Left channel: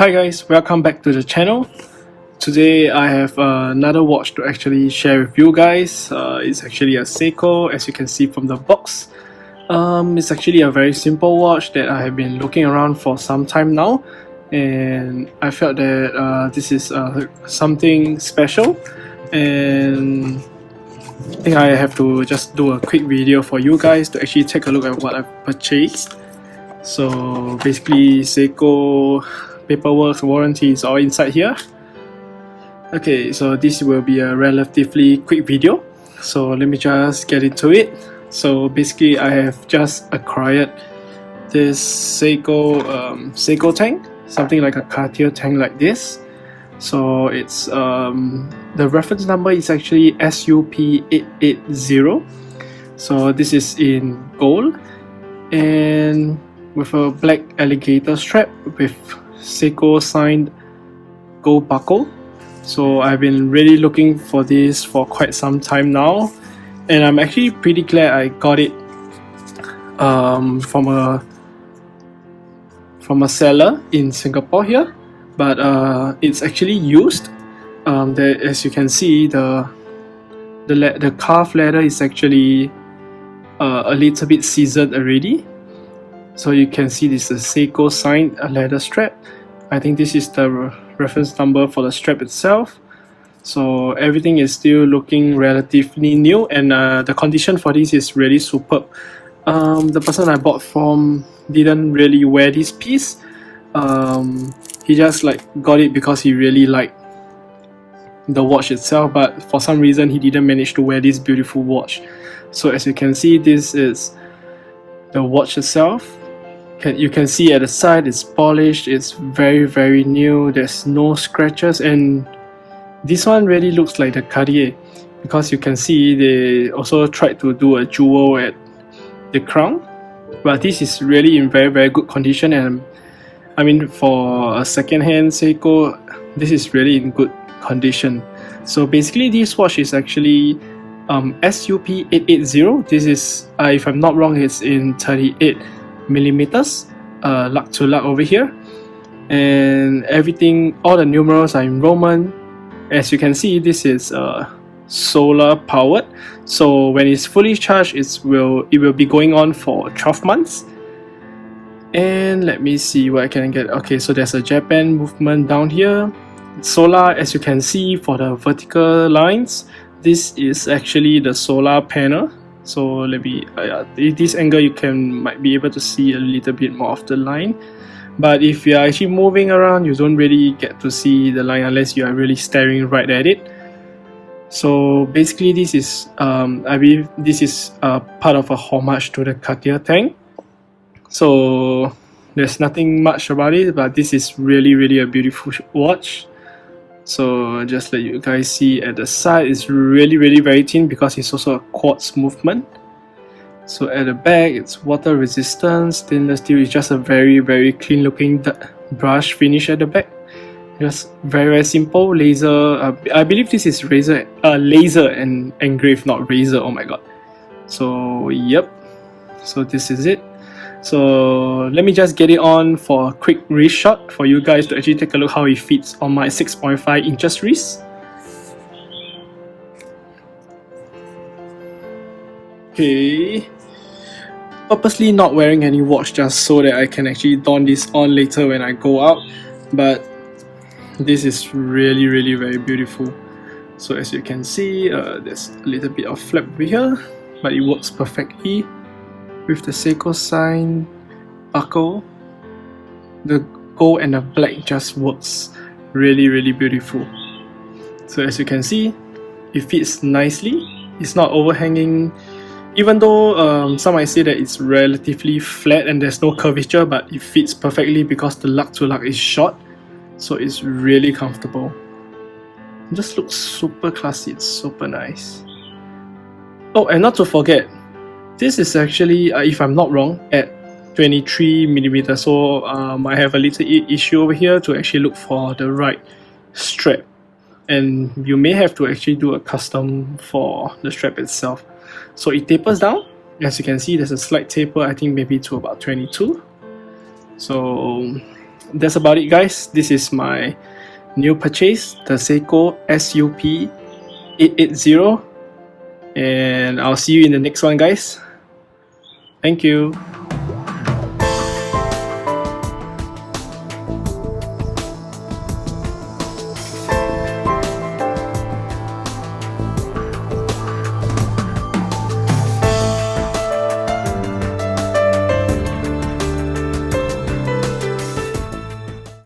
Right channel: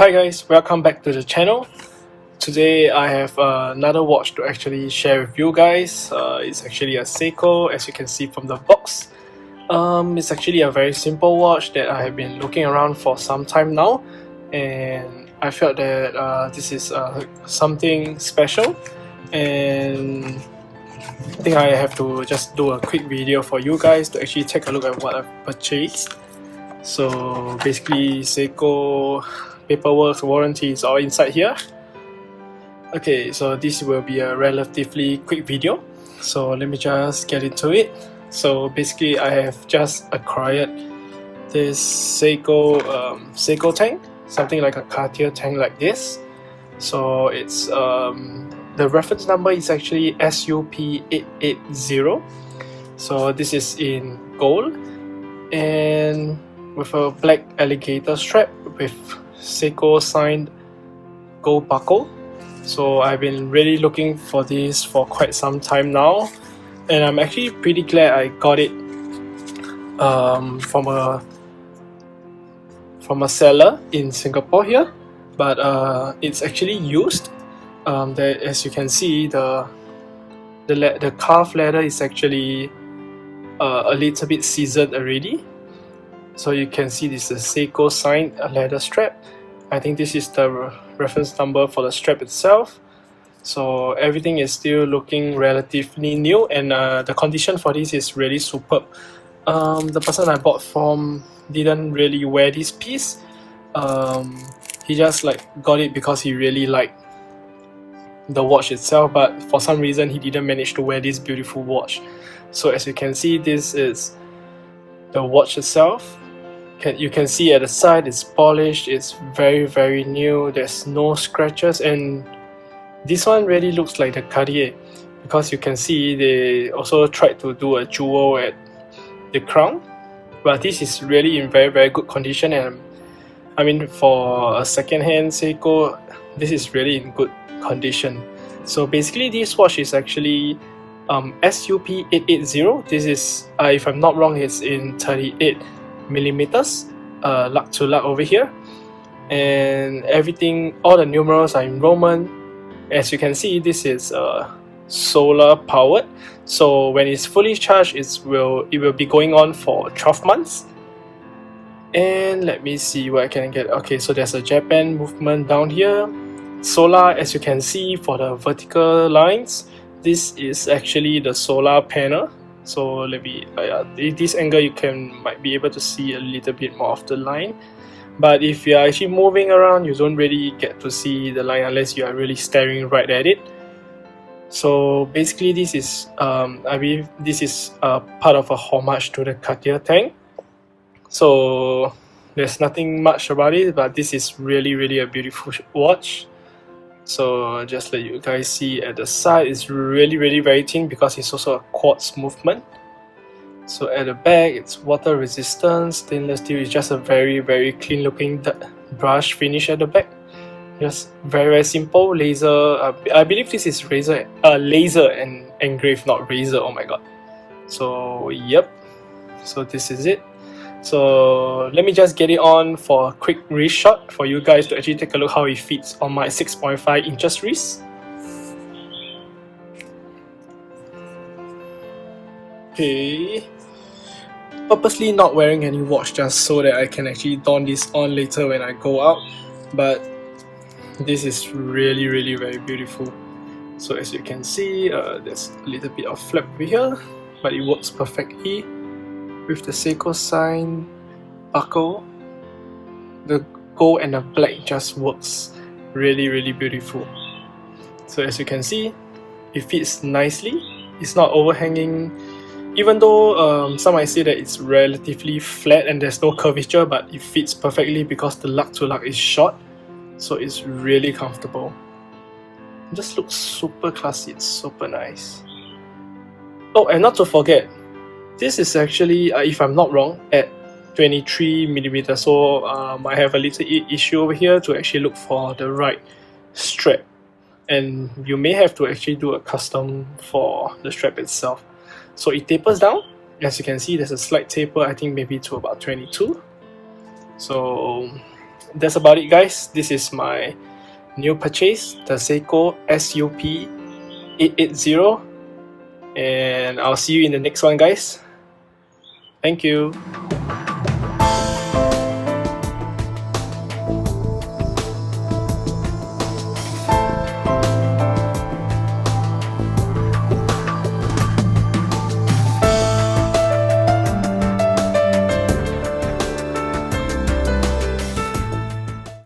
Hi guys, welcome back to the channel. Today I have another watch to actually share with you guys. It's actually a Seiko, as you can see from the box. It's actually a very simple watch that I have been looking around for some time now, and I felt that this is something special, and I think I have to just do a quick video for you guys to actually take a look at what I've purchased. So basically, Seiko paperwork, warranty is all inside here. Okay, so this will be a relatively quick video, so let me just get into it. So basically, I have just acquired this Seiko tank, something like a Cartier tank like this. So it's the reference number is actually SUP880. So this is in gold and with a black alligator strap with Seiko signed gold buckle. So I've been really looking for this for quite some time now, and I'm actually pretty glad I got it from a seller in Singapore here. But it's actually used. As you can see, the calf leather is actually a little bit seasoned already. So you can see this is a Seiko signed leather strap. I think this is the reference number for the strap itself. So everything is still looking relatively new, and the condition for this is really superb. The person I bought from didn't really wear this piece. He just got it because he really liked the watch itself, but for some reason he didn't manage to wear this beautiful watch. So as you can see, this is the watch itself. You can see at the side it's polished, it's very new, there's no scratches, and this one really looks like the Cartier because you can see they also tried to do a jewel at the crown, but this is really in very good condition. And I mean, for a second-hand Seiko, this is really in good condition. So basically, this watch is actually SUP880. This is, if I'm not wrong, it's in 38mm, lug to lug over here, and everything, all the numerals are in Roman. As you can see, this is solar powered, so when it's fully charged, it will be going on for 12 months. And let me see what I can get. Okay, so there's a Japan movement down here. Solar, as you can see, for the vertical lines, this is actually the solar panel. So let me, this angle you might be able to see a little bit more of the line. But if you're actually moving around, you don't really get to see the line unless you are really staring right at it. So basically, this is, I believe this is part of a homage to the Cartier tank. So there's nothing much about it, but this is really a beautiful watch. So just let you guys see at the side, it's really very thin because it's also a quartz movement. So at the back, it's water resistant, stainless steel. It's just a very clean looking brush finish at the back. Just very simple laser. I believe this is laser and engraved, not razor. Oh my god. So yep. So this is it. So let me just get it on for a quick wrist shot for you guys to actually take a look how it fits on my 6.5 inches wrist. Okay, purposely not wearing any watch just so that I can actually don this on later when I go out, but this is really very beautiful. So as you can see, there's a little bit of flap over here, but it works perfectly with the Seiko sign buckle. The gold and the black just works really beautiful. So as you can see, it fits nicely. It's not overhanging, even though some might say that it's relatively flat and there's no curvature, but it fits perfectly because the lug to lug is short, so it's really comfortable. It just looks super classy, it's super nice. Oh, and not to forget, this is actually, if I'm not wrong, at 23mm, so I have a little issue over here to actually look for the right strap, and you may have to actually do a custom for the strap itself. So it tapers down, as you can see there's a slight taper, I think maybe to about 22. So that's about it, guys. This is my new purchase, the Seiko SUP880, and I'll see you in the next one, guys. Thank you.